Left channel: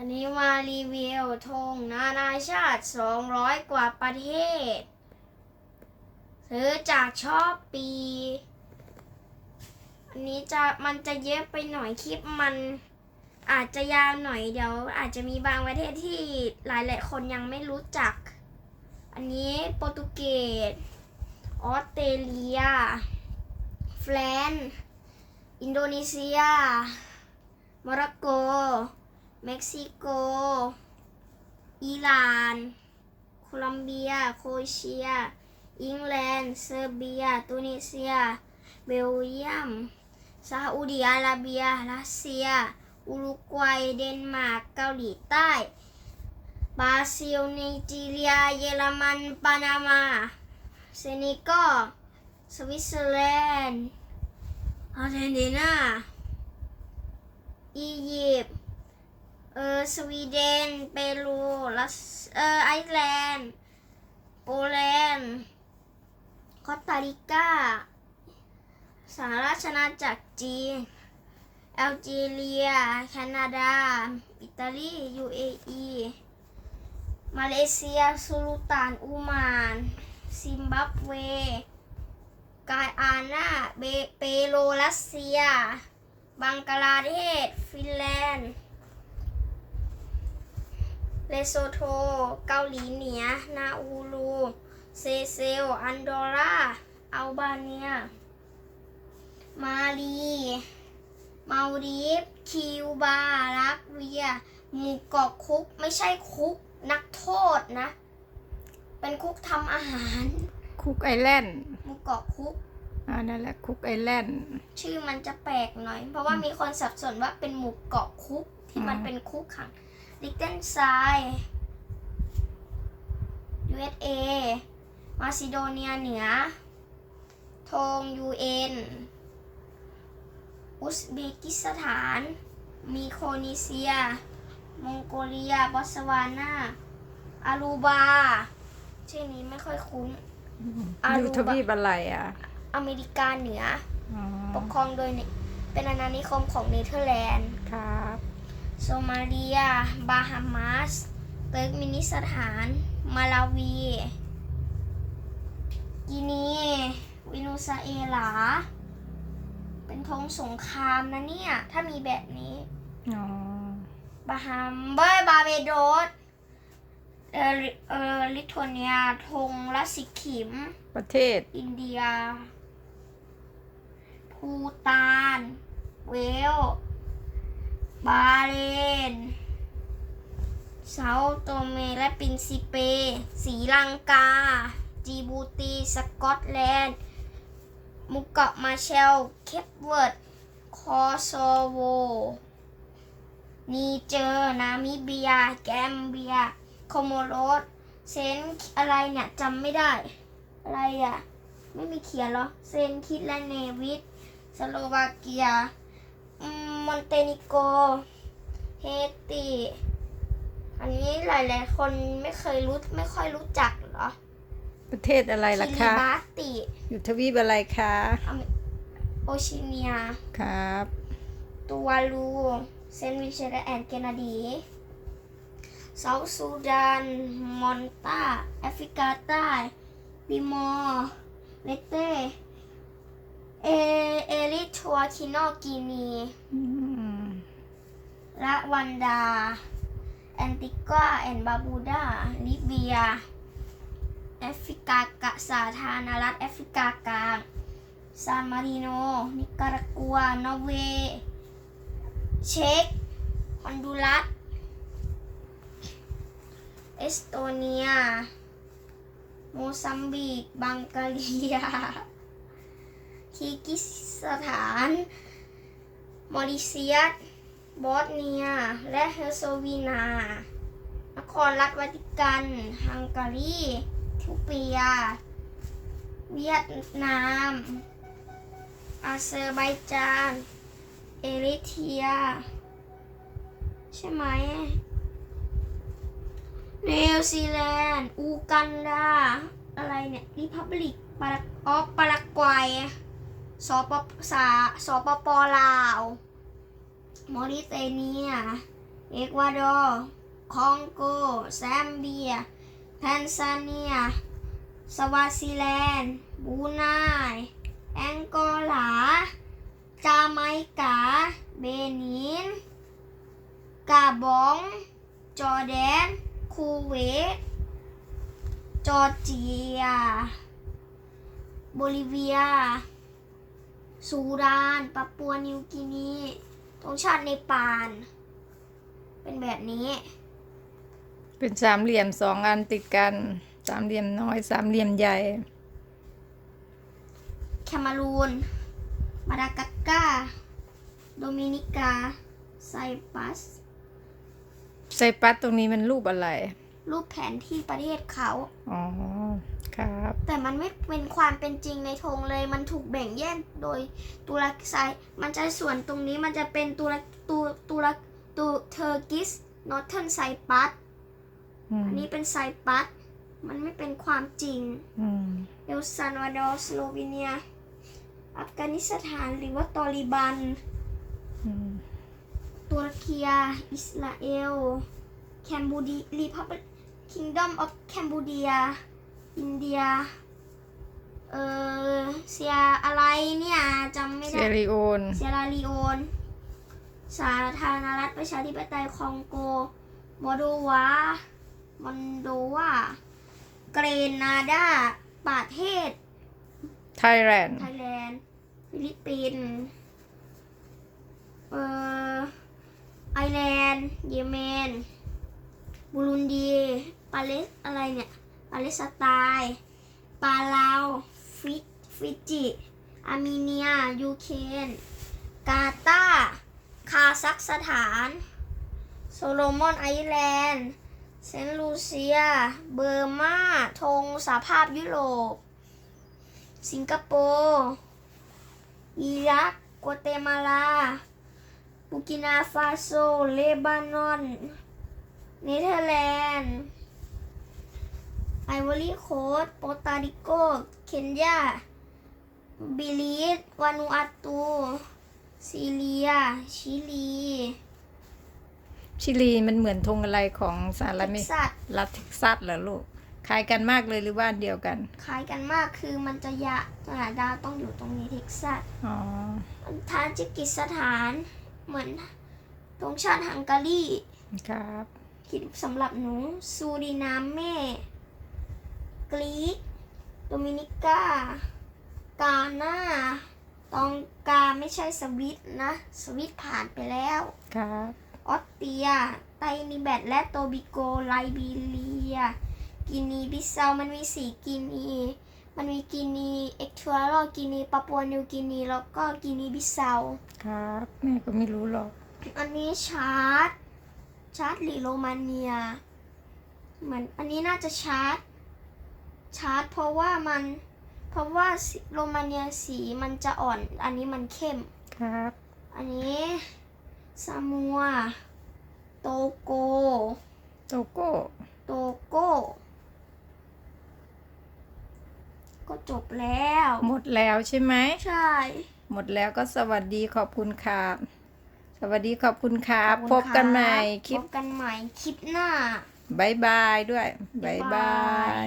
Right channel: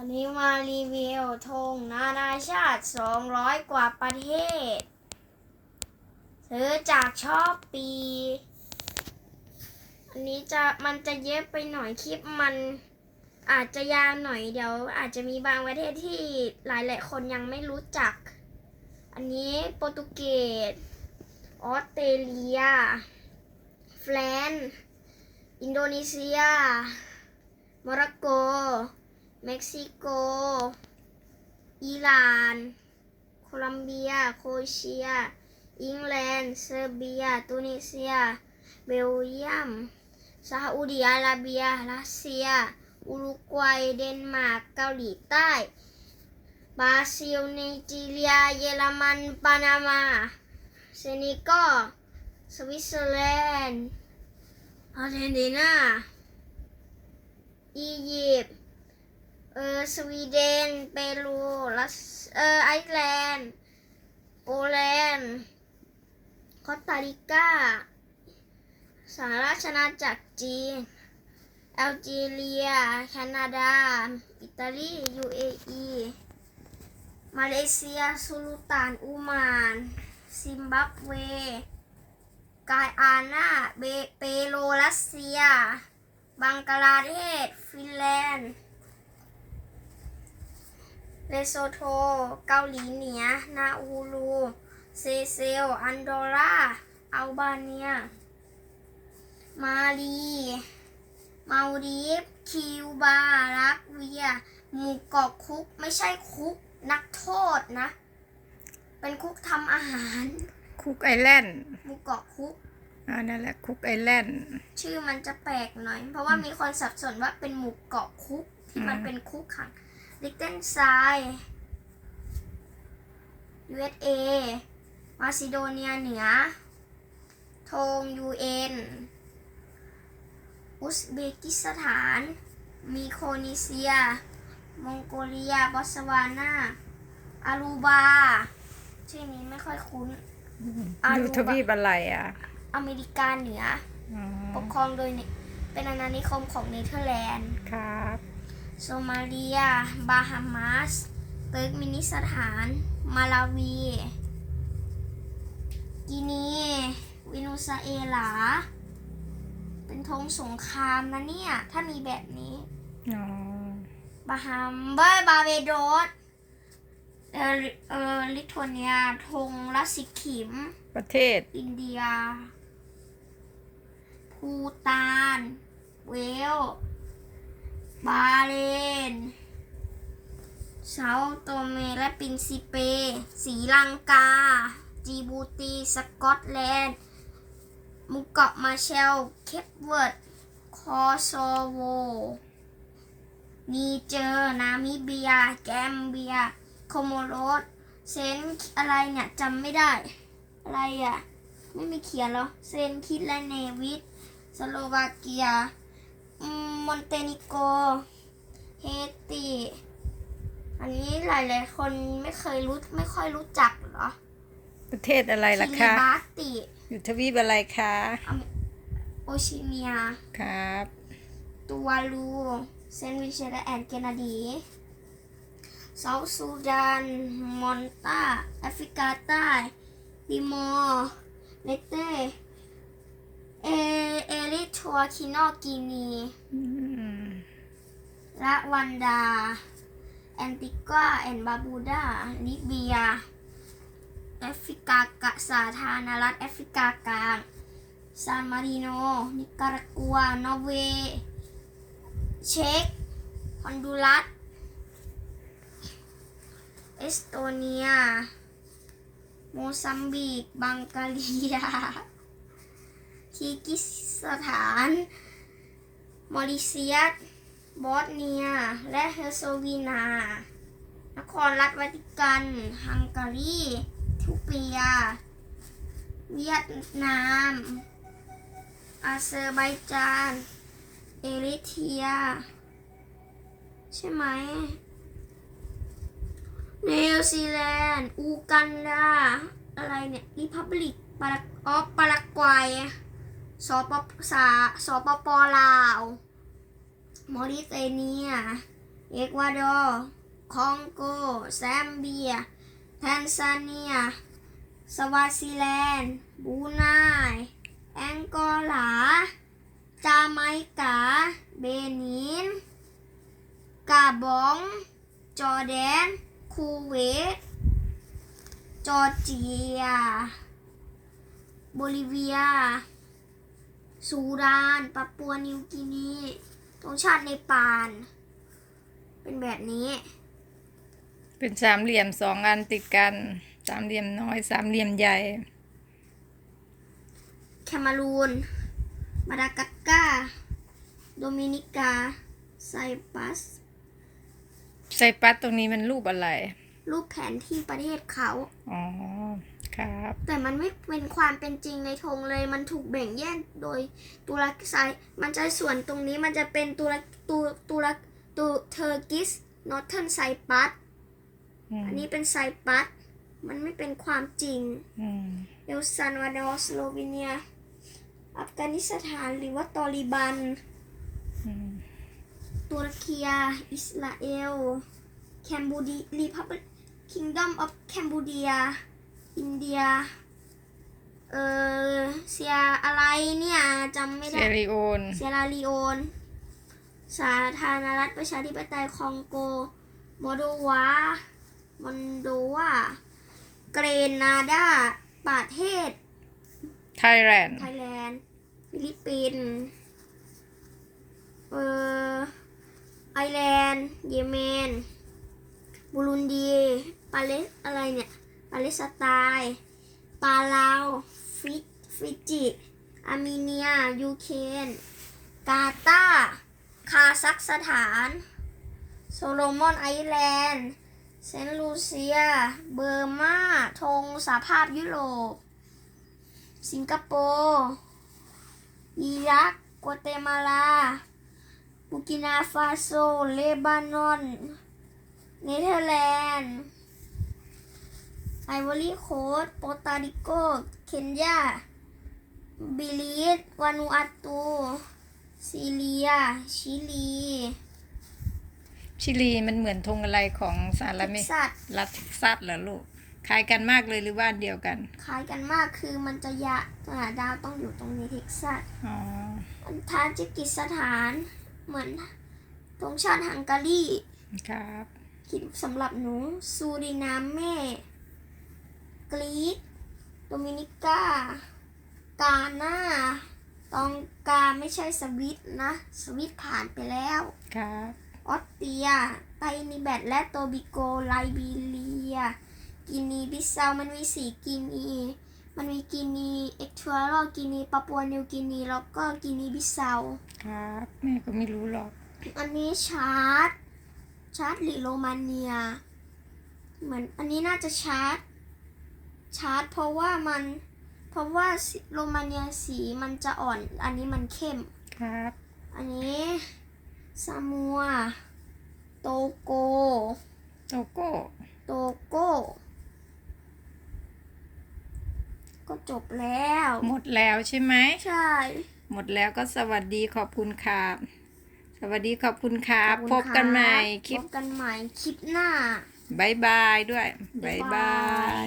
วันนี้มารีวิวธงนานาชาติ 200 กว่าประเทศ ซื้อจากชอบปี อันนี้จะมันจะเยอะไปหน่อยคลิปมันอาจจะยาวหน่อยเดี๋ยว อาจจะมีบางประเทศที่หลายหลายคนยังไม่รู้จัก อันนี้โปรตุเกส ออสเตรเลีย แฟรนซ์อินโดนีเซีย โมร็อกโก เม็กซิโก อิหร่าน โคลัมเบีย โครเอเชียอังกฤษเซอร์เบีย ตุนิเซีย เบลเยียม ซาอุดิอาระเบีย รัสเซีย อุรุกวัย เดนมาร์ก เกาหลีใต้ บราซิลไนจีเรีย เยอรมัน ปานามา เซเนกัลสวิตเซอร์แลนด์อาร์เจนตินา อียิปต์ ออสวีเดน เปรูรัสเออไอซ์แลนด์โปแลนด์คอสตาริกาสหราชอาณาจักรจีนแอลจีเรีย แคนาดา อิตาลียูเออีมาเลเซีย สุลต่านอูมาน ซิมบับเว กายอานาเบเปโลรัสเซีย บังกลาเทศ ฟินแลนด์ เลโซโท เกาหลีเหนือ นาอูรู เซเซล อันดอร่า อัลบาเนีย มาลีมาลดีฟคิวบา รักเวีย หมู่เกาะคุก ไม่ใช่คุกนักโทษนะ เป็นคุกทำอาหาร คุกไอแลนด์ หมู่เกาะคุก อ่า นั่นแหละ คุกไอแลนด์ ชื่อมันจะแปลกหน่อย เพราะว่ามีคนสับสนว่าเป็นหมู่เกาะคุกที่มันอืมเป็นคุกขัง ลิกเทนไซ USA มาซิโดเนียเหนือธง UN อุซเบกิสถาน มีโครนีเซีย มองโกเลีย บอตสวานาอารูบา ชื่อนี้ไม่ค่อยคุ้น อารูยูบะทวีปอะไรอะอเมริกาเหนือ อ๋อปกครองโดยเนเป็นอาณานิคมของเนเธอร์แลนด์ ครับ โซมาเลีย บาฮามาส เติร์กมินิสถาน มาลาวี กินี วินูซาเอลา เป็นธงสงครามนะเนี่ย ถ้ามีแบบนี้ อ๋อ บาฮัมเบอร์บาเบโดสเออเออลิทัวเนียธงรัสสิขิม ประเทศ อินเดีย ภูตาน เวล บาเลนเซาโตเมและปินซิเปสีลังกา จีบูตี สกอตแลนด์ มุกเกาะมาเชล เคปเวิร์ด คอโซโว นีเจอร์ นามิเบีย แกมเบีย โคโมโรส เซนอะไรเนี่ยจำไม่ได้ อะไรอะ ไม่มีเขียนหรอ เซนคิดและเนวิส สโลวาเกีย มมอนเตนิโก เฮติ อันนี้หลายๆ คนไม่เคยรู้ไม่ค่อยรู้จักเหรอ ประเทศอะไรล่ะคิริคะบาติ อยู่ทวีปอะไรคะ โอชิเนีย ครับตูวาลูเซนต์วิเชนและแอนเกนาดีเซาท์ซูดาน มอนตาแอฟริกาใต้ติมอร์เลเต เอเอริทัวคิโนกินีอืมละวันดา แอนติกวาแอนบาบูดา ลิเบีย แอฟริกากะสาธารณรัฐแอฟริกากลาง ซานมาริโน นิการากัว นอร์เวย์ เช็กฮอนดูรัส เอสโตเนีย โมซัมบิก บังกาเลีย คีกิสถาน มอริเซียส บอสเนีย และเฮอร์โซวีนา นครรัฐวาติกัน ฮังการีทูเปีย เวียดนาม อาเซอร์ไบจาน เอริเทีย ใช่ไหมนิวซีแลนด์อูกันดา อะไรเนี่ย ริพับลิกปารากออปารากวัย สปสาสปปลาว มอริเตเนีย เอกวาดอร์คองโก แซมเบีย แทนซาเนีย สวาซิแลนด์บรูไนแองโกลา จาไมกา เบนิน กาบอง จอแดน คูเวต จอร์เจีย โบลิเวีย ซูดานปัปปัวนิวกินีตรงชาติในปาน เป็นแบบนี้ เป็นสามเหลี่ยมสองอันติดกัน สามเหลี่ยมน้อย สามเหลี่ยมใหญ่ แคมารูน มาดากัสการ์โดมินิกา ไซปัส ไซปัสตรงนี้มันรูปอะไร รูปแผนที่ประเทศเขา อ๋อ ครับ แต่มันไม่เป็นความเป็นจริงในธงเลย มันถูกแบ่งแยกโดยตุรกีไซมันจะส่วนตรงนี้มันจะเป็นตุรตุตุรตุเทอร์กิสนอร์เทิร์นไซปัสอืมอันนี้เป็นไซปัสมันไม่เป็นความจริงอืมเอลซันวาดอร์สโลวีเนีย อัฟกานิสถานหรือว่าตอริบันอืมตุรกีอิสราเอล แคมบูดีรีพับ ลิกคิงดอมออฟแคมบูเดียอินเดีย เออเซียอะไรเนี่ยจำไม่เซได้ริโอน เซียราลีโอน สาธารณรัฐประชาธิปไตยคองโก โมโดวามอนโดวา เกรนาดา ประเทศ ไทยแลนด์ ไทยแลนด์ ฟิลิปปินส์ เอ่อไอร์แลนด์ เยเมน บูรุนดี ปาเลสอะไรเนี่ย ปาเลสไตน์ปาลาว ฟิฟิจิอาร์เมเนีย ยูเครนกาตาร์คาซัคสถาน โซโลมอนไอแลนด์ เซนต์ลูเซีย เบอร์มาธงสหภาพยุโรป สิงคโปร์อิรักกัวเตมาลาบูกินาฟาโซ เลบานอน เนเธอร์แลนด์ ไอวอรี่โคสต์โปรตาริโก เคนยา บิลิสวานูอาตู ซีเรีย ชิลี ชิลีมันเหมือนธงอะไรของสหรัฐอเมเท็กริกาซัสรัฐเท็กซัสเหรอลูก คล้ายกันมากเลยหรือว่าอันเดียวกัน คล้ายกันมากคือมันจะยะอ่าดาวต้องอยู่ตรงนี้เท็กซัสอ๋อ ทาจิกิสถานเหมือนธงชาติฮังการี ครับ คิดสำหรับหนูซูรินามเม่ กรีกโดมินิกา กาหน้า ตองกาไม่ใช่สวิตนะ สวิตผ่านไปแล้วครับออสเตรีย ไตนิแบตและโตบิโก ไลบีเรีย กินีบิสเซา มันมีสีกินี มันมีกินีเอ็กทัวรอกินีปาปัวนิวกินี แล้วก็กินีบิสเซา ครับแม่ก็ไม่รู้หรอก อันนี้ชาร์ต ชาร์ตหรือโรมาเนีย เหมือนอันนี้น่าจะชาร์ตชาร์ตเพราะว่ามัน เพราะว่าสีโรมาเนียสีมันจะอ่อน อันนี้มันเข้ม ครับ อันนี้ซามัว โตโก โตโก้ โตโก้ ก็จบแล้ว หมดแล้วใช่ไหม ใช่ หมดแล้วก็สวัสดีขอบคุณครับ สวัสดีขอบคุณครับขอพณบกันใหม่รับคลิปพบกันใหม่คลิปหน้าบายบายด้วยบายบ๊ายบาบายย